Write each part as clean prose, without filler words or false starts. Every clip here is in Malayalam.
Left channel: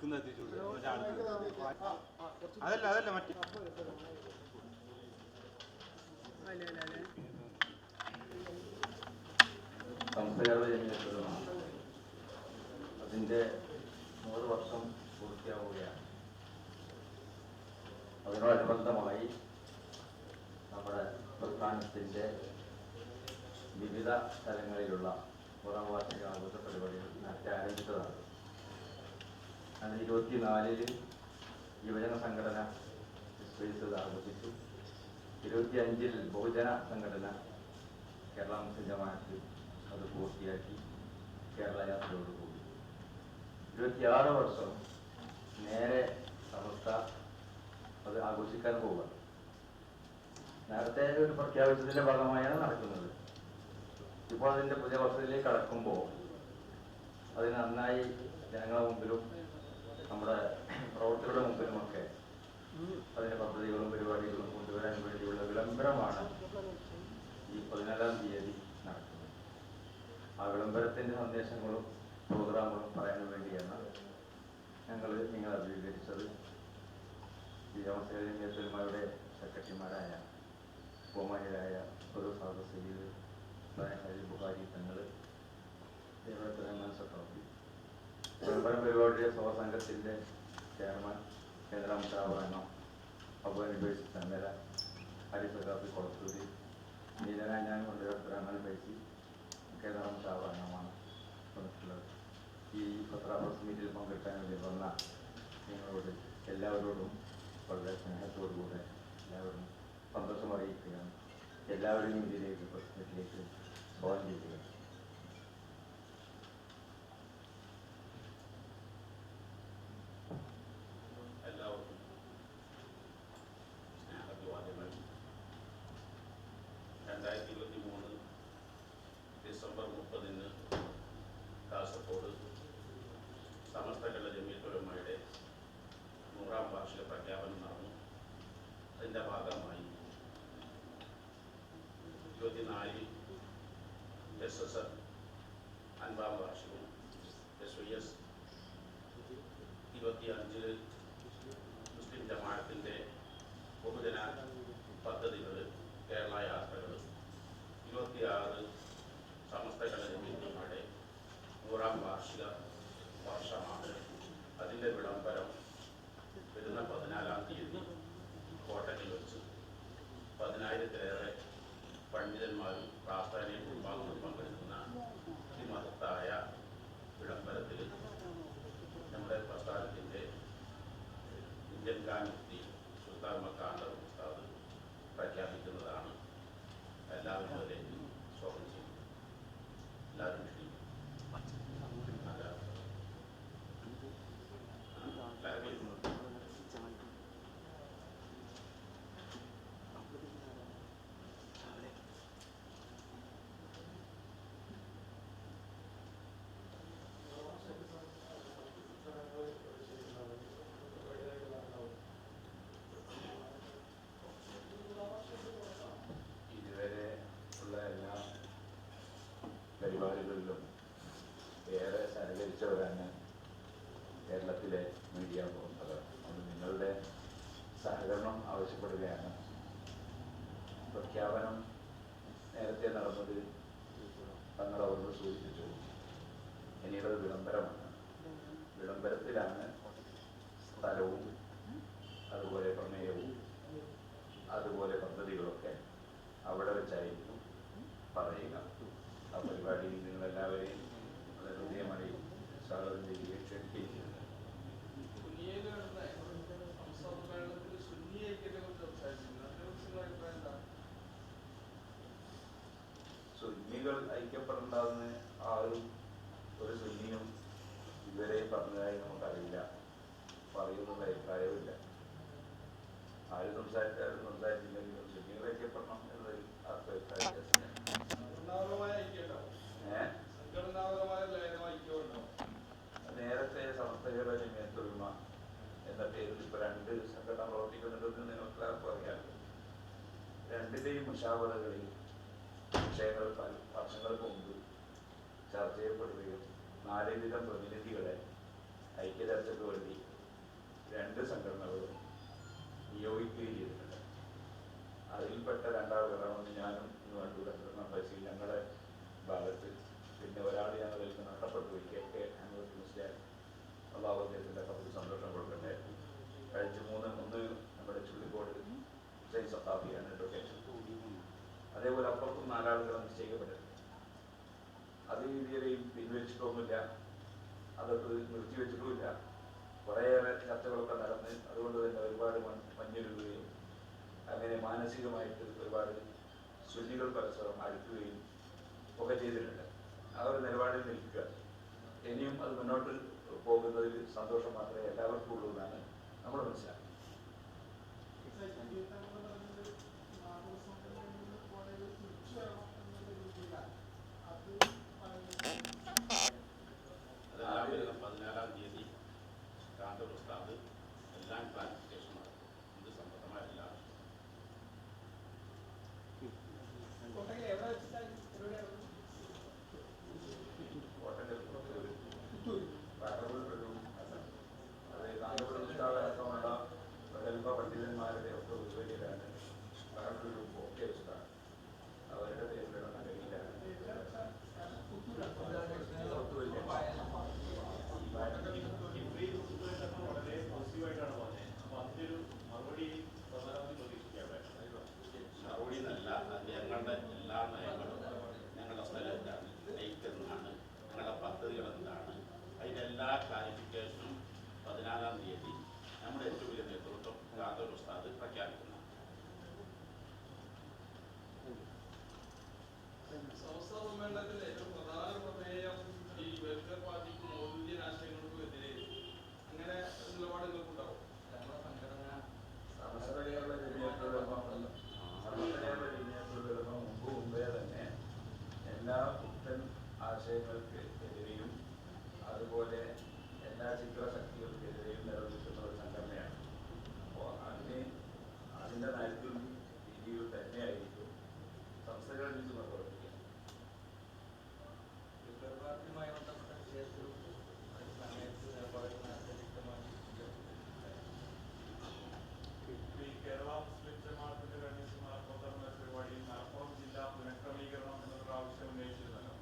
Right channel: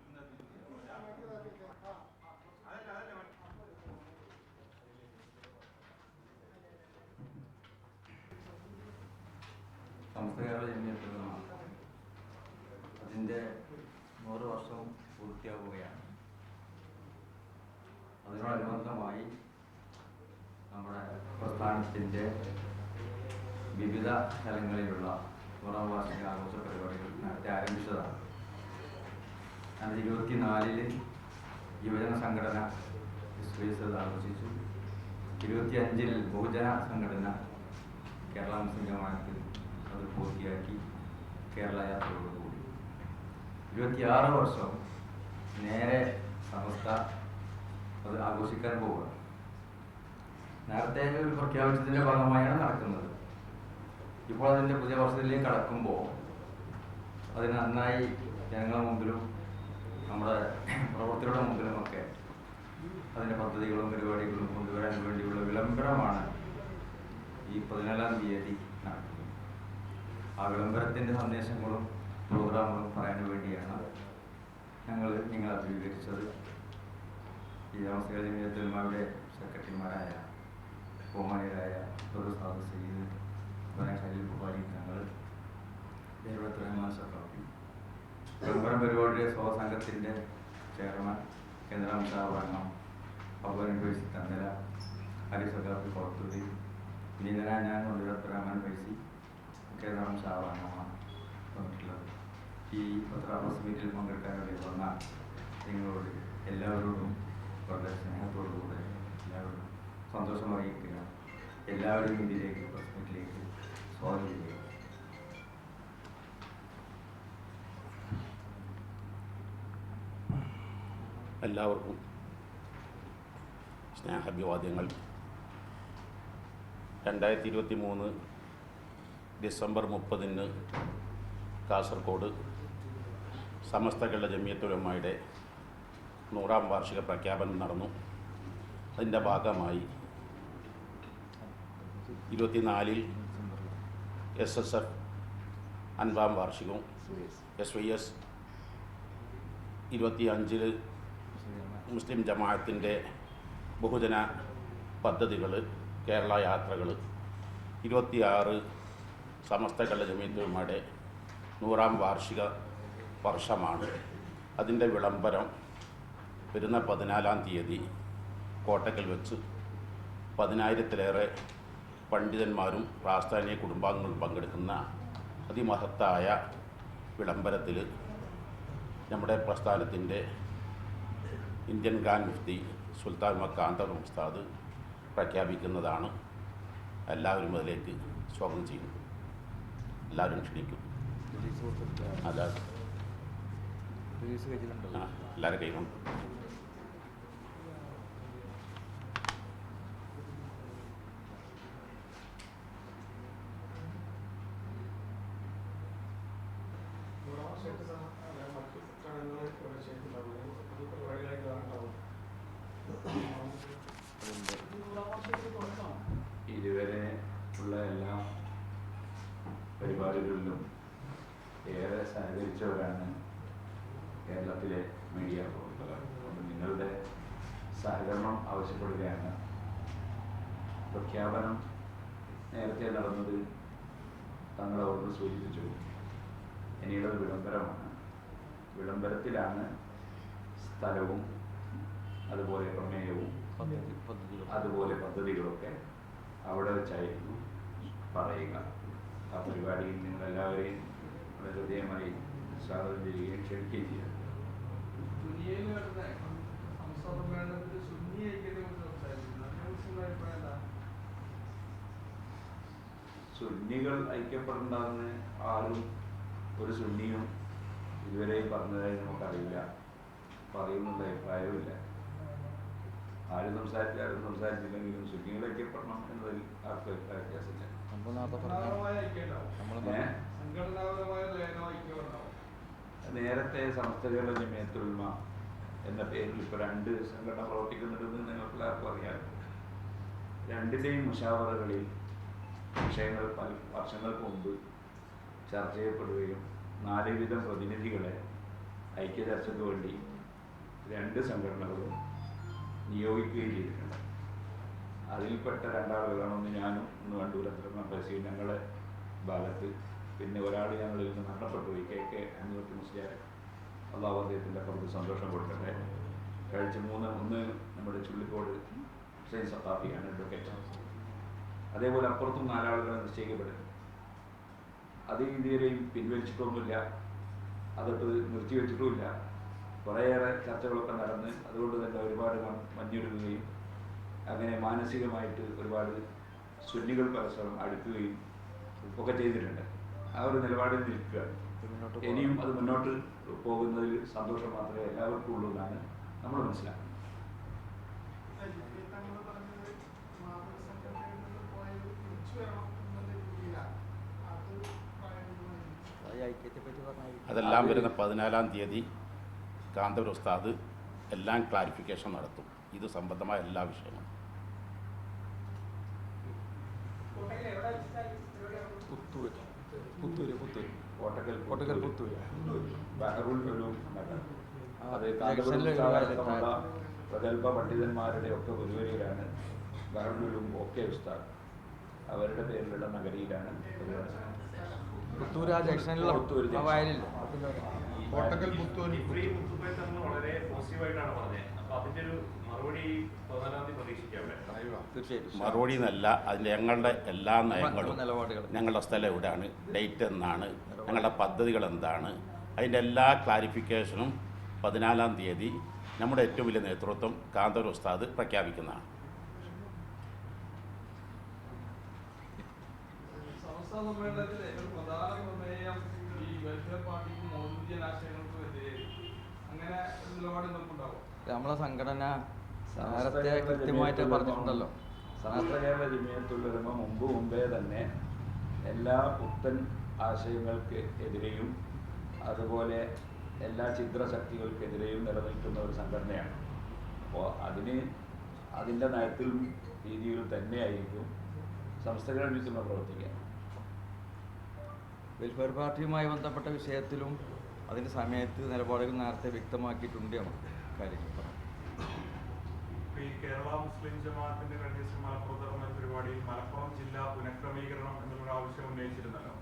നിൽക്കുന്നത് അതല്ല അതല്ല മറ്റേ സംസ്കാര അതിൻ്റെ 100 വർഷം പൂർത്തിയാവുകയാണ്. അതിനോടനുബന്ധമായി നമ്മുടെ പ്രസ്ഥാനത്തിൻ്റെ വിവിധ സ്ഥലങ്ങളിലുള്ള 100ാം വാർഷിക ആഘോഷ പരിപാടികൾ നടത്തി ആരംഭിച്ചതാണ്. അത് 24-ൽ യുവജന സംഘടന സ്പേസ് ആഘോഷിച്ചു. 25-ൽ ബഹുജന സംഘടന കേരള മുസ്ലിം ജമാഅത്ത് അത് പൂർത്തിയാക്കി കേരള യാത്രയോടുകൂടി 26 വർഷം നേരെ സമസ്ത അത് ആഘോഷിക്കാൻ പോവുകയാണ്. നേരത്തെ ഒരു പ്രഖ്യാപിച്ചതിൻ്റെ ഭാഗമായാണ് നടക്കുന്നത്. ഇപ്പോൾ അതിൻ്റെ പുതിയ വർഷത്തിലേക്ക് കടക്കുമ്പോൾ അതിന് നന്നായി ജനങ്ങളുടെ മുമ്പിലും നമ്മുടെ പ്രവൃത്തിയുടെ മുമ്പിലുമൊക്കെ അതിൻ്റെ പദ്ധതികളും പരിപാടികളും കൊണ്ടുവരാൻ വേണ്ടിയുള്ള വിളംബരമാണ് ഈ 14-ാം തീയതി നടക്കുന്നത്. ആ വിളംബരത്തിൻ്റെ സന്ദേശങ്ങളും പ്രോഗ്രാമുകളും പറയാൻ വേണ്ടിയാണ് ഞങ്ങൾ നിങ്ങളെ അഭിമുഖീകരിച്ചത്. ഈ ജമാഅത്തെ സെക്രട്ടറിമാരായ ബഹുമാനിയരായ സാദ് സയ്യിദ് ഖലീൽ ബുഖാരി തങ്ങൾ, വിളംബരം പരിപാടിയുടെ സ്വസംഘത്തിൻ്റെ ചെയർമാൻ കേന്ദ്ര മുഷാവരണം അബു യൂണിവേഴ്സിറ്റി തണ്ടല ഹരിസഖാബ് കൊളത്തൂരി നീലരാജ കൊണ്ടുവരപ്പുരാമൻ പൈസി കേന്ദ്ര മുഷാവരണമാണ് വന്നിട്ടുള്ളത്. ഈ പത്രാബസ് മീറ്റിൽ പങ്കെടുക്കാൻ വേണ്ടി വന്ന നിങ്ങളോട് എല്ലാവരോടും വളരെ സ്നേഹത്തോടുകൂടെ എല്ലാവരോടും സന്തോഷം അറിയിക്കുക. എല്ലാവരെയും ഇതിലേക്ക് പ്രശ്നത്തിലേക്ക് സ്വാഗതം ചെയ്യുക. എല്ലാവർക്കും സ്നേഹാഭിവാദ്യങ്ങൾ. 2023 ഡിസംബർ 30-ന് കാസർഗോഡ് സമസ്ത കേരള ജമിയത്തുൽ ഉലമയുടെ 100ാം വാർഷിക പ്രഖ്യാപനം നടന്നു. അതിൻ്റെ ഭാഗമായി 24-ൽ SSF 50ാം വാർഷികവും SYS 25-ൽ മുസ്ലിം ജമാഅത്തിൻ്റെ ബഹുജന പദ്ധതികൾ കേരള യാത്രകൾ 26 സമസ്ത കേരള ജമിയത്തുൽ ഉലമയുടെ 100ാം വാർഷിക വർഷമാണ്. അതിൻ്റെ വിളംബരം വരുന്ന 14-ാം തീയതി കോട്ടക്കൽ വെച്ച് 10,000-ത്തിലേറെ പണ്ഡിതന്മാരും പ്രാസ്ഥാനിക കുടുംബാംഗങ്ങളും പങ്കെടുക്കുന്ന അതിമഹത്തായ വിളംബരത്തിൽ നമ്മുടെ പ്രസ്ഥാനത്തിൻ്റെ ഇന്ത്യൻ ഗ്രാൻഡ് മുഫ്തി സുൽത്താൻ മക്കാന്തർ ഉസ്താദ് പ്രഖ്യാപിക്കുന്നതാണ്. എല്ലാവരും അതിലേക്ക് സ്വാഗതം ചെയ്യുന്നു. എല്ലാവരും ക്ഷണിക്കും. അതാണ് എല്ലാവരും കൈകൊണ്ട് ഇതുവരെ ഉള്ള എല്ലാ പരിപാടികളിലും ഏറെ സഹകരിച്ചവരാണ് കേരളത്തിലെ മീഡിയ പ്രവർത്തകർ. അപ്പോൾ നിങ്ങളുടെ സഹകരണം ആവശ്യപ്പെടുകയാണ്. പ്രഖ്യാപനം നേരത്തെ നടന്നത് തങ്ങളവരോട് സൂചിപ്പിച്ചു. ഇനിയുള്ള വിളംബരമാണ്. വിളംബരത്തിലാണ് സ്ഥലവും അതുപോലെ പ്രമേയവും അതുപോലെ പദ്ധതികളൊക്കെ അവിടെ വെച്ചായിരുന്നു പറയുക. ആ പരിപാടിയിൽ നിങ്ങളെല്ലാവരെയും വളരെ ഹൃദയമായി സ്വാഗതം ചെയ്യുകയും ക്ഷണിക്കുകയും ചെയ്തു. സുന്നികൾ ഐക്യപ്പെടേണ്ടതെന്ന് ആരും ഒരു സുന്നിയും ഇതുവരെയും പറഞ്ഞതായി നമുക്കറിയില്ല, പറയുന്നുള്ള അഭിപ്രായവുമില്ല. ആരും സംസാരിച്ചില്ലെങ്കിലും സുന്നികൾ ഐക്യപ്പെടണം എന്നതിൽ ആർക്കും അഭിപ്രായമില്ല. നേരത്തെ സമസ്ത കേരള ജമിയത്തുൽ ഉലമ എന്ന പേരിൽ ഇപ്പോൾ 2 സംഘടന പ്രവർത്തിക്കുന്നുണ്ടെന്ന് നിങ്ങൾക്ക് എല്ലാവർക്കും അറിയാം. 2ന്റെയും മുശാവറകളിൽ വിഷയങ്ങൾ വർഷങ്ങൾക്ക് മുമ്പ് ചർച്ച ചെയ്യപ്പെടുകയും 4 വിധ പ്രതിനിധികളെ ഐക്യചർച്ചയ്ക്ക് വേണ്ടി 2 സംഘടനകളും നിയോഗിക്കുകയും ചെയ്തിട്ടുണ്ട്. അതിൽപ്പെട്ട 2 ആളുകളാണ്, ഒന്ന് ഞാനും ഒന്ന് വണ്ടൂരത്തണം ബഷീർ ഞങ്ങളുടെ ഭാഗത്ത്, പിന്നെ ഒരാൾ ഞങ്ങളിൽ നിന്ന് മരണപ്പെട്ടുപോയി, KK അൻവർ മുസ്ലിയാർ. അള്ളാഹു അദ്ദേഹത്തിൻ്റെ കുറച്ച് സന്തോഷം കൊടുക്കട്ടെ. കഴിച്ച് 3 ഒന്ന് നമ്മുടെ ചുള്ളിക്കോട് ഹുസൈൻ സത്താഫിയാണ് അഡ്വക്കേറ്റ്. അതേപോലെ അപ്പുറത്തും 4 ആളുകൾ നിശ്ചയിക്കപ്പെടും. അത് ഇതുവരെയും പിൻവലിച്ചിട്ടൊന്നുമില്ല, അതൊട്ട് നിർത്തിവെച്ചിട്ടുമില്ല. കുറേയേറെ ചർച്ചകളൊക്കെ നടന്ന് അതുകൊണ്ട് തന്നെ ഒരുപാട് മഞ്ഞൊരുങ്ങുകയും അങ്ങനെ മാനസികമായിട്ട് ഒരുപാട് സുന്നികൾ പരസ്പരം അടുക്കുകയും ഒക്കെ ചെയ്തിട്ടുണ്ട്. ആ ഒരു നിലപാടിൽ നിൽക്കുകയാണ്. ഇനിയും അത് മുന്നോട്ട് പോകുന്നതിൽ സന്തോഷം മാത്രമേ എല്ലാവർക്കും ഉള്ളൂ എന്നാണ് നമ്മൾ മനസ്സിലാക്കുന്നത്. അതെല്ലാം വരുന്ന 14-ാം തീയതി കാന്തപുര ഉസ്താദ് എല്ലാം ക്ലാരിഫിക്കേഷൻ നടത്തും. ഇത് സംബന്ധമായ എല്ലാ വിഷയങ്ങളും. അത് പ്രഗത്ഭ പണ്ഡിതന്മാരുടെ ഒക്കെ പുതുവരിയിലാണ്. ബഹറുലും ഒക്കെ ഉസ്താദ് അവരുടെ പേരിലുള്ള നഗരിയിലാണ്. മറുപടി എന്നല്ല, അതിൻ്റെ ഞങ്ങളുടെ എല്ലാ നയങ്ങളും, ഞങ്ങളുടെ സ്ഥലം എവിടെയാണ്, ഡേറ്റ് എന്നാണ്, ഞങ്ങളുടെ പദ്ധതികൾ എന്താണ്, അതിൻ്റെ എല്ലാ ക്ലാരിഫിക്കേഷനും 14-ാം തീയതി നമ്മുടെ ഏറ്റവും വലിയ നേതൃത്വം കാന്തപുര ഉസ്താദ് പ്രഖ്യാപിക്കുന്നതാണ്. നമ്മളെ സംഘടന നേരത്തെ കൃത്യമായിട്ട് പറഞ്ഞിട്ടുണ്ടല്ലോ. സമസ്ത കേരള ജമിയത്തുൽ മുമ്പേ തന്നെ എല്ലാ പുത്തൻ ആശയങ്ങൾക്ക് എതിരെയും അതുപോലെ എല്ലാ ചിത്രശക്തികൾക്കെതിരെയും നിലനിൽക്കുന്ന ഒരു സംഘടനയാണ്. അപ്പോൾ അതിൻ്റെ നയത്തിലും രീതിയിലും തന്നെയായിരിക്കും സംസ്ഥകൾ വിളിച്ചുള്ള പ്രവർത്തിക്കുക. വെൽഫെയർ പാർട്ടിയുമായി ബന്ധപ്പെട്ട വിഷയത്തിലും അതിൻ്റെ സമയത്ത് നിലപാടുകൾ നേരത്തെ വ്യക്തമാക്കിയിട്ടുണ്ട്. നമുക്ക് കാര്യങ്ങൾ ഈ കേരള മുസ്ലിം ജമാഅത്തിന്റെ കഴിഞ്ഞ ദിവസം മലപ്പുറത്ത് നടന്ന പരിപാടിയിൽ മലപ്പുറം ജില്ല പുനഃക്രമീകരണം എന്നുള്ള ആവശ്യം ഉന്നയിച്ചിരുന്നല്ലോ.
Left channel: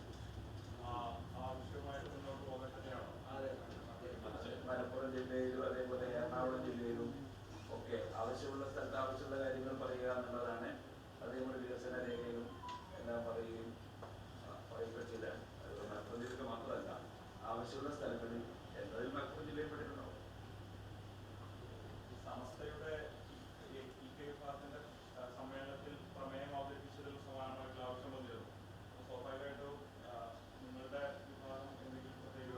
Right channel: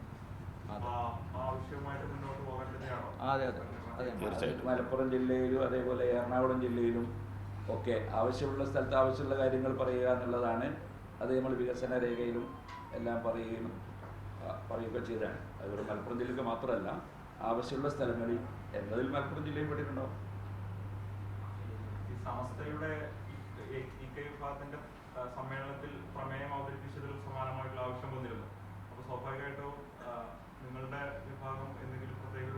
ആവശ്യമായിട്ട് മുന്നോട്ട് പോകാൻ തന്നെയാണോ? അതെ അതെ അതെ. മലപ്പുറം ജില്ലയിലും അതേപോലെ എറണാകുളം ജില്ലയിലും ഒക്കെ ആവശ്യമുള്ള സ്ഥലത്ത് ആവശ്യമുള്ള കാര്യങ്ങൾ പറയുക എന്നുള്ളതാണ്. അത് നമ്മൾ വികസന രേഖയിലും എല്ലാം പറയുക ചെയ്താണ്. അതുപോലെ മലപ്പുറം ജില്ലയ്ക്ക് മാത്രമല്ല, ആവശ്യമുള്ള സ്ഥലങ്ങളിൽ എന്നതിൽ മലപ്പുറം ജില്ലയിൽ പെട്ടിട്ടുണ്ടാവും. ഈ സമസ്തയുടെ വിഭാഗത്തിന്റെ സമ്മേളനത്തിൽ പ്രമേയം അവതരിപ്പിച്ചതിൽ സമാനമായിട്ടുള്ള ആവശ്യം വന്നിരുന്നു. അപ്പോൾ സ്വാഭാവികമായിട്ടും നിങ്ങളുടെ വിഭാഗം എന്തെങ്കിലും പ്രത്യേക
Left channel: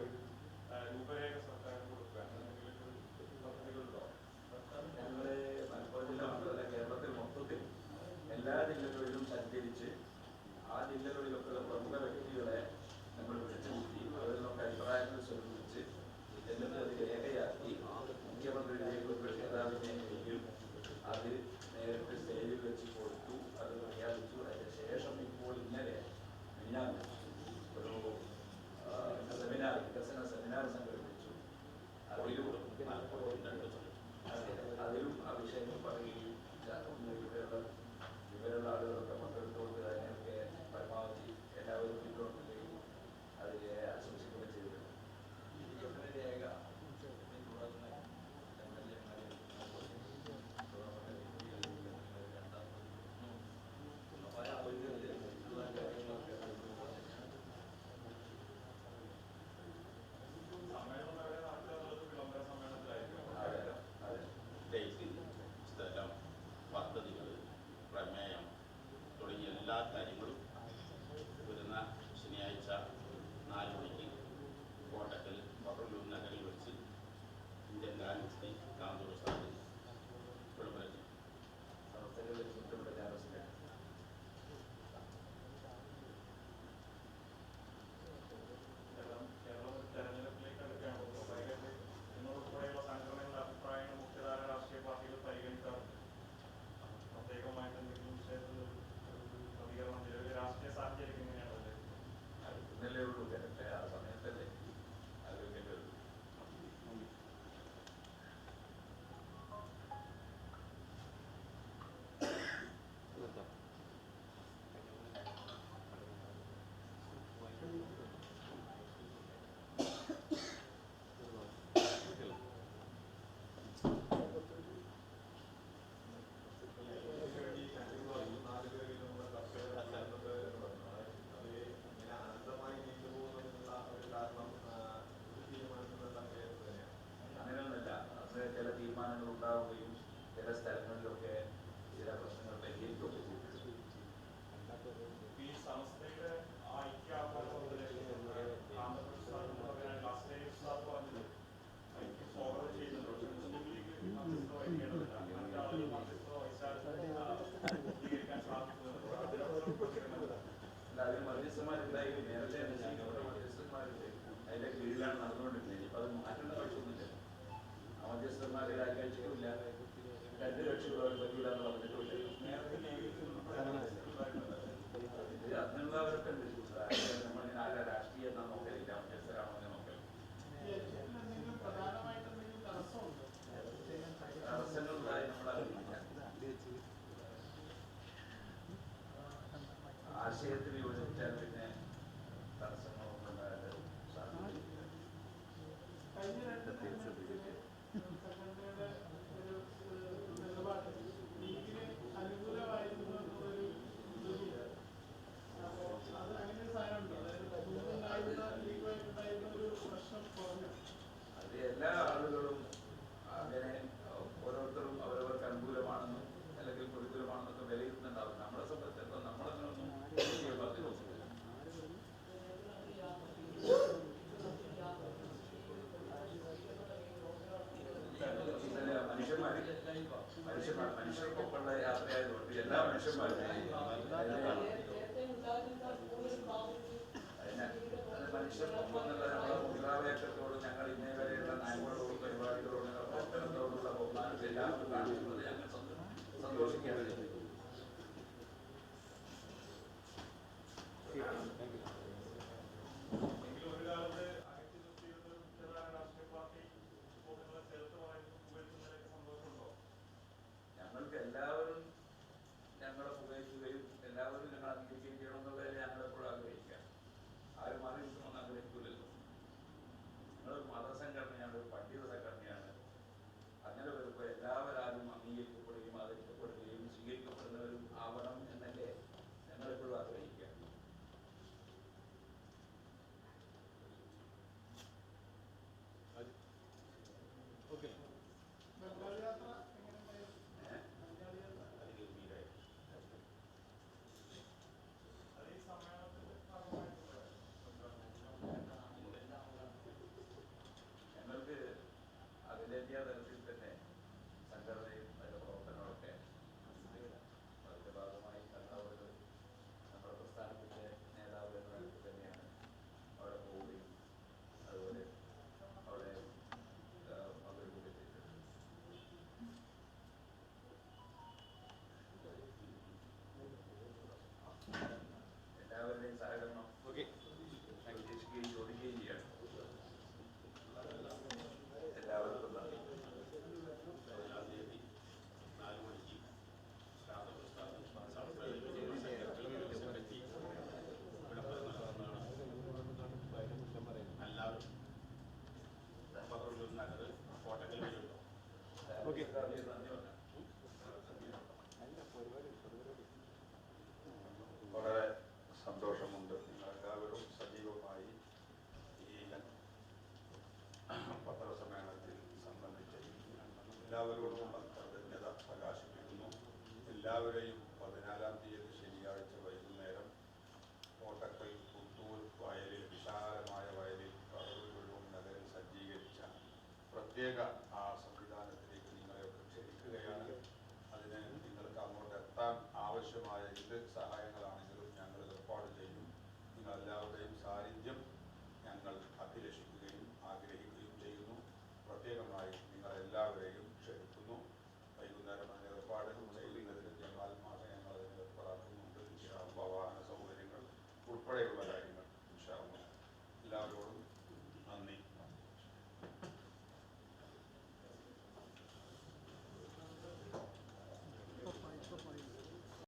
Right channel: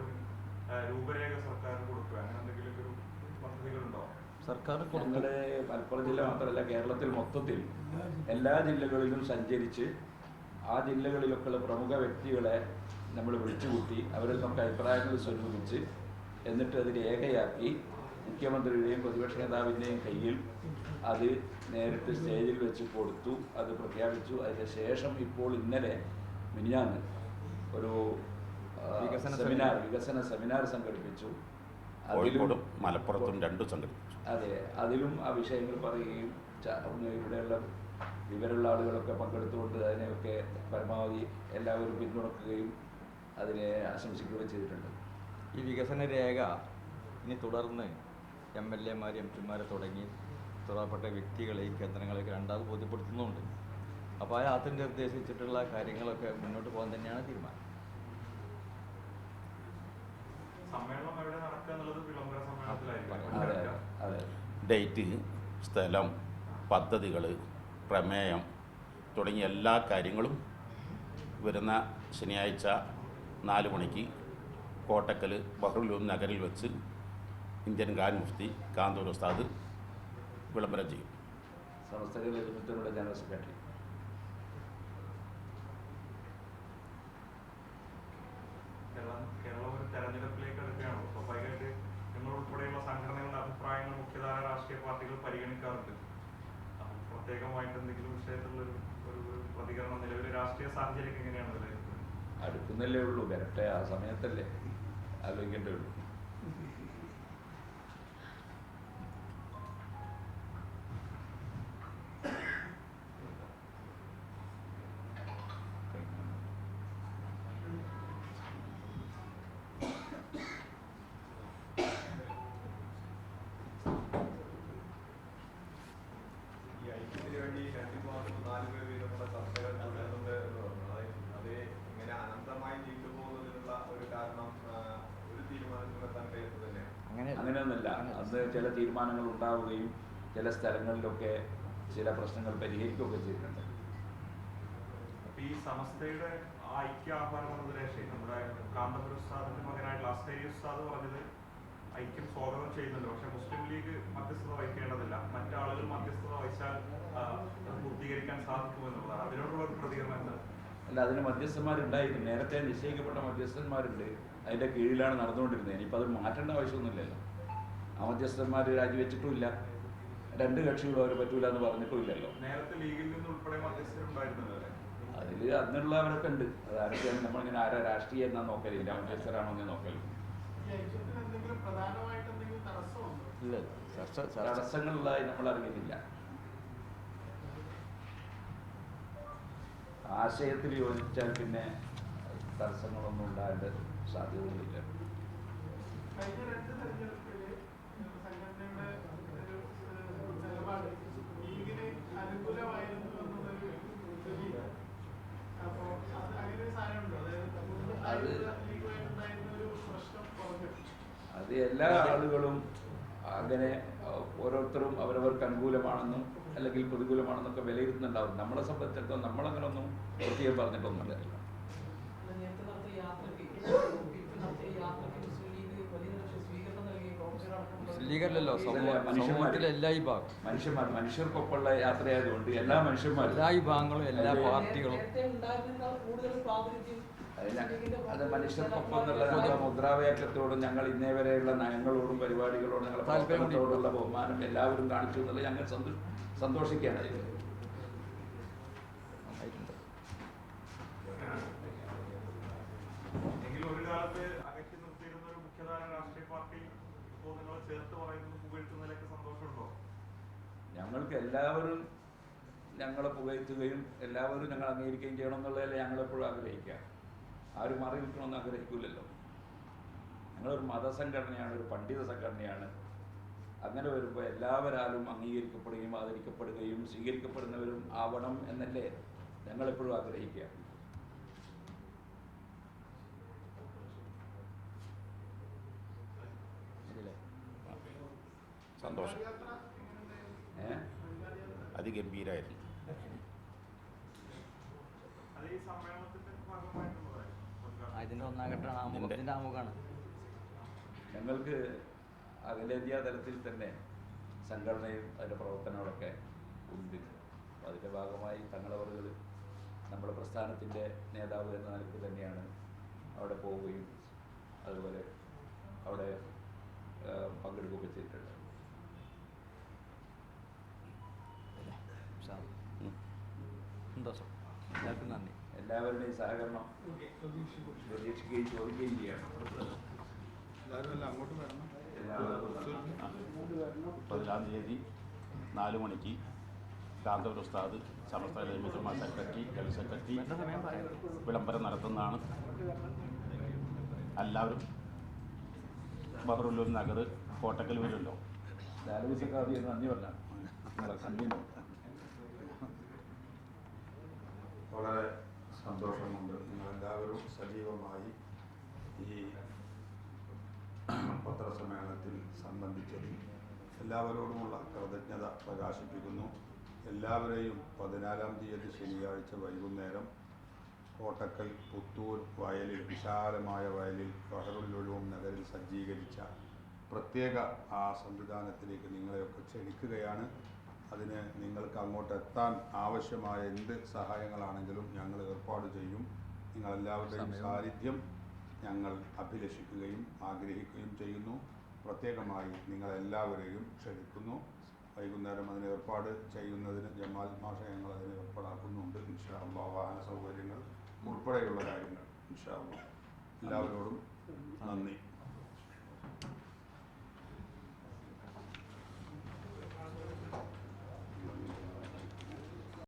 രൂപരേഖ സർക്കാരിന് കൊടുക്കുക, അങ്ങനെ എന്തെങ്കിലും ഒരു പദ്ധതികളുണ്ടോ? സർക്കാർ ഞങ്ങളുടെ മലപ്പുറം ജില്ല മാത്രമല്ല, കേരളത്തിൽ മൊത്തത്തിൽ എല്ലാ ജില്ലകളിലും സഞ്ചരിച്ച് ആ ജില്ലകളിലൊക്കെയുള്ള പ്രമുഖ വ്യക്തികളെ നമ്മൾ വിളിച്ചുകൂട്ടി അവരിൽ നിന്നൊക്കെ അഭിപ്രായങ്ങൾ സ്വരൂപിച്ച് എന്നിട്ട് അത് രേഖയാക്കി മുഖ്യമന്ത്രിയുടെയും പ്രതിപക്ഷ നേതാവിൻ്റെയും കയ്യിൽ അത് നേരിട്ട് സ്റ്റേജിൽ വെച്ച് കൊടുത്തു. അത് പ്രഖ്യാപിച്ചു. അതിന് ശേഷം ഇപ്പോൾ ഇന്നലെ മിനിഞ്ഞാന്ന് ഒരു വികസന സെമിനാർ സംഘടിപ്പിച്ചു. കോഴിക്കോടും മലപ്പുറത്തും 2 സംഘടിപ്പിച്ചു. അതെ, അതിലും ആ വിഷയങ്ങൾ പറയുകയും ഇവിടെയുള്ള വിവരമുള്ള ആളുകളൊക്കെ പങ്കെടുത്തുകൊണ്ട് അതിനെയൊക്കെ പരമാവധി എല്ലാവരും പിന്തുണക്കുകയും അതിനെ ആശംസിക്കുകയും ചെയ്തിട്ടുണ്ട്. ഈ വികസന രേഖ ഇനി തുടർന്ന് MLA-മാർ MP-മാരെ തുടങ്ങി ഉത്തരവാദപ്പെട്ട വ്യക്തികളെയും കേന്ദ്രങ്ങളെയൊക്കെ രണ്ടാമത് ബോധ്യപ്പെടുത്തുന്നുണ്ട്. അപ്പോൾ ആ യാത്ര നിർദ്ദേശിച്ചിട്ടുള്ള കാര്യങ്ങളൊക്കെ മുന്നോട്ട് പോകാൻ തന്നെയാണ് തീരുമാനം. ഡേറ്റ്, സ്ഥലം, പദ്ധതികൾ, പ്രമേയം തുടങ്ങിയ എല്ലാ കാര്യങ്ങളും വരുന്ന ശനിയാഴ്ച 4 മണിക്ക് കോട്ടക്കൽ ബഹ്റുൽ നഗറിൽ വെച്ച് ഇന്ത്യൻ ഗ്രാൻഡ് മുഫ്തി കാന്തപുര ഉസ്താദ് വിളംബരം ചെയ്യും. സമസ്തയുടെ ജനറൽ സെക്രട്ടറി. കേരളം ഒരു തെരഞ്ഞെടുപ്പിലേക്ക് എടുക്കുകയാണോ? സ്വാഭാവികമായിട്ട് നിങ്ങൾ ഉൾപ്പെടെയുള്ള സംഘടനകളുടെ അഭിപ്രായങ്ങൾ മുഖ്യധാര രാഷ്ട്രീയ പാർട്ടികൾ പരിഗണിക്കാറുണ്ട്. പ്രത്യേകമായിട്ട് എന്തെങ്കിലും വിഷയത്തിലുള്ള ഒരു പ്രതികരണം നിലവിലെ രാഷ്ട്രീയ സാഹചര്യം എങ്ങനെയാണ് വിലയിരുത്തുന്നത്? അടുക്കുന്നല്ലേ ഉള്ളൂ, വരട്ടെ, ആ സമയത്തല്ലേ ആലോചിക്കേണ്ടേ ഉള്ളൂ. തീരുമാനങ്ങൾ ഉണ്ടാവുകയും ചില സ്ഥലങ്ങളിലൊക്കെ ചില പ്രശ്നങ്ങൾ പരിഹരിക്കുകയൊക്കെ ചെയ്തിട്ടുണ്ട്. ഈ സമസ്തയുടെ ഐക്യ ആഹ്വാനം നമ്മുടെ കാന്തപുര ഉസ്താദിന്റെ മകനായിട്ടുള്ള അസ്തേരി ഉസ്താദ് പറഞ്ഞത് ഐക്യം സ്വാഗതം ചെയ്യുന്നുണ്ട്. പക്ഷെ മുസ്ലിം ലീഗ് മധ്യസ്ഥത വഹിക്കേണ്ടതില്ല, മറ്റാളുകൾ മധ്യസ്ഥത വഹിച്ചാൽ പൂർത്തീകരിക്കാൻ സാധിക്കുമെന്നുള്ളതാണ്. അതിനോടുള്ള ഒരു പ്രതികരണം. അല്ല, അതിന് മധ്യസ്ഥന്മാരുണ്ടായിരുന്നു, നേരത്തെ നിശ്ചയിക്കപ്പെട്ട മധ്യസ്ഥന്മാരുണ്ട്, അതിൻ്റെ കീഴിലാണ് നടന്നുകൊണ്ടിരുന്നത്. ഇനിയിപ്പോൾ അത് മാറ്റേണ്ട ആവശ്യമൊന്നുമില്ലല്ലോ. ആ മധ്യസ്ഥന്മാർ രാജിവെച്ചിട്ടുമില്ല, രണ്ട് കക്ഷികളും അവർ പറ്റൂല എന്ന് പറഞ്ഞിട്ടുമില്ലല്ലോ. നേരത്തെ ലീഗിൽ നിന്ന് ഉൾപ്പെടെ മധ്യസ്ഥരുണ്ടായിരുന്നത് അതിൽ അതിനുള്ളവരൊക്കെ ഉണ്ട്. അത് ആരൊക്കെയാണ് നമ്മളിങ്ങനെ ആരാ രാഷ്ട്രീയം എന്നാ നോക്കലില്ല, മധ്യസ്ഥരാണോ എന്ന് നോക്കലും. തടസ്സങ്ങളുള്ളതായി നമ്മൾ അറിയുന്നില്ല. ആശയത്തിൽ യോജിച്ചാൽ പിന്നെ തടസ്സങ്ങളൊന്നും ഉണ്ടാകേണ്ട സാധ്യതയില്ല. അത് എല്ലാ ആളുകളും അങ്ങനെ ഓരോരുത്തരും അവരവർക്ക് അനുകൂലമാണെന്നും അല്ലെങ്കിൽ പ്രതികൂലമാണെന്നൊക്കെ വിലയിരുത്തുന്നുണ്ടാവും. നമ്മളെ സംബന്ധിച്ചിടത്തോളം നമ്മളങ്ങനെ ഒന്നും പ്രത്യേകം പറഞ്ഞിട്ടൊന്നുമില്ല. ലീഗല്ലല്ലോ സമൂഹത്തിലെ എല്ലാ വിഭാഗം മനുഷ്യർക്കൊപ്പമുള്ള യാത്രയായതുകൊണ്ട് എല്ലാ മനുഷ്യന്മാരും, എല്ലാ വിഭാഗങ്ങളും, എല്ലാ പാർട്ടികളും അത് മനുഷ്യർക്കൊപ്പം എന്നുള്ള നമ്മുടെ മുദ്രാവാക്യത്തോടും ഞങ്ങൾ ഇന്നേ വരെയുള്ള നയങ്ങളോടും പരിപാടികളോടും ഞങ്ങളുടെ താല്പര്യത്തോടുള്ള ബഹുമാനം എല്ലാവരും കാണിച്ചു എന്നുള്ളത് ഞങ്ങൾ സന്തോഷിക്കേണ്ടത്. എങ്കിലും ഒരു കാലത്ത് അകറ്റി നിർത്തിയിരുന്ന ഒരു മുഖ്യധാര രാഷ്ട്രീയ പാർട്ടി ഇപ്പോൾ നിങ്ങളെ ചേർത്ത് പറയുന്നത് പുകഴ്ത്തുന്നതിലൊക്കെ സന്തോഷമുണ്ടോ? ഞങ്ങൾക്ക് എല്ലാവരും ഞങ്ങളെ പുകഴ്ത്തുകയും എല്ലാവരും ഞങ്ങൾ അംഗീകരിക്കുകയും ചെയ്യണം എന്നുള്ളതല്ലേ ഞങ്ങളെപ്പോഴും ആഗ്രഹിക്കുക. ആരും മാറി നിൽക്കണമെന്ന് ആഗ്രഹിക്കില്ലല്ലോ. ഞങ്ങളൊരു മതസംഘടനയാണ്, ഒരു പണ്ഡിത സംഘടനയാണ്. അങ്ങനെ വരുമ്പോൾ എല്ലാവരാലും അംഗീകരിക്കപ്പെടുകയും ആദരിക്കപ്പെടുകയും സ്വീകരിക്കപ്പെടുന്നവരും ആവണം എന്നല്ലേ ഞങ്ങളെപ്പോഴും ആഗ്രഹിക്കുക. സന്തോഷം, അതിഗംഭീരായിരുന്നു. അതിൻ്റെ ഒന്നാം ഘട്ടമാണ് ആമുഖമാണ്. ഞങ്ങൾക്ക് അഖിലേന്ത്യാ തലത്തിൽ തന്നെ സംഘടനയും അതിൻ്റെ പ്രവർത്തനങ്ങളൊക്കെ ഉണ്ട്. അപ്പോൾ അതിൻ്റെ ഭാഗമായി തങ്ങളവറുകൾ നമ്മുടെ പ്രസ്ഥാനത്തിൻ്റെ നേതാവ് എന്ന നിലയ്ക്ക് തന്നെയാണ് അവിടെ പോവുകയും അതുപോലെ അവിടെ പങ്കെടുക്കുകയൊക്കെ ചെയ്തിട്ടുണ്ട്. സന്തോഷം, എല്ലാവർക്കും നന്ദി. എല്ലാവരുടെയും സഹകരണം പ്രതീക്ഷിക്കുകയും ചോദിക്കുകയും ചെയ്യണം. എല്ലാവർക്കും 11-ാം തീയതി 4 മണിക്ക് കാന്തപുര ഉസ്താദ് സമസ്ത ജമാഅ സെക്രട്ടറി, ജനറൽ സെക്രട്ടറി വിളംബരം നടത്തുന്നതാണ്. എല്ലാവരും ബഹ്റുല്ലൂർ നഗർ കോട്ടക്കൽ വരുമല്ലോ. നന്ദി പറഞ്ഞാൽ വളരെ സന്തോഷമുണ്ട്. നിങ്ങളെല്ലാവരും സജീവമായി ഈ പത്രസമ്മേളനത്തിൽ സംബന്ധിച്ചതിൽ എല്ലാവരോടുമുള്ള കൃതജ്ഞത പ്രകാശിപ്പിക്കുന്നു. എല്ലാവരെയും 14-ാം തീയതി ശനിയാഴ്ച വൈകുന്നേരം കോട്ടക്കൽ പുത്തൂർ വയലിൽ, വിശാലമായ വയലിൽ ബഹ്റുല്ലൂർ നഗറിൽ സജ്ജീകരിച്ച പ്രത്യേക ആ സംവിധാനത്തിലേക്ക് നിങ്ങളെയൊക്കെ ക്ഷണിക്കുകയാണ്. അതിന് നിങ്ങൾക്ക് അങ്ങോട്ട് എത്താൻ ആവശ്യമായ എന്ത് സഹായങ്ങളാണെങ്കിലും ഞങ്ങൾ ഏർപ്പാട് ചെയ്യും. നിങ്ങളെല്ലാവരുടെയും സാന്നിധ്യം ഞങ്ങൾ അഭിലഷിക്കുകയും ആഗ്രഹിക്കുകയും ചെയ്യുന്നു. പ്രത്യേകമായി നിങ്ങളെല്ലാവരെയും ക്ഷണിക്കുന്നു. വൈകുന്നേരം അതിന് ഏർപ്പാട് ചെയ്യുന്നതിന് ജമാൽ മാഷ ഞങ്ങൾ അതിന് ഏർപ്പാടാക്കുന്നുണ്ട്. ഇൻഷാ അല്ലാഹ് വാഹന സൗകര്യങ്ങൾ ഉൾപ്പെടെയുള്ള കാര്യങ്ങൾ ഇൻഷാ അല്ലാഹ് എല്ലാവരോടും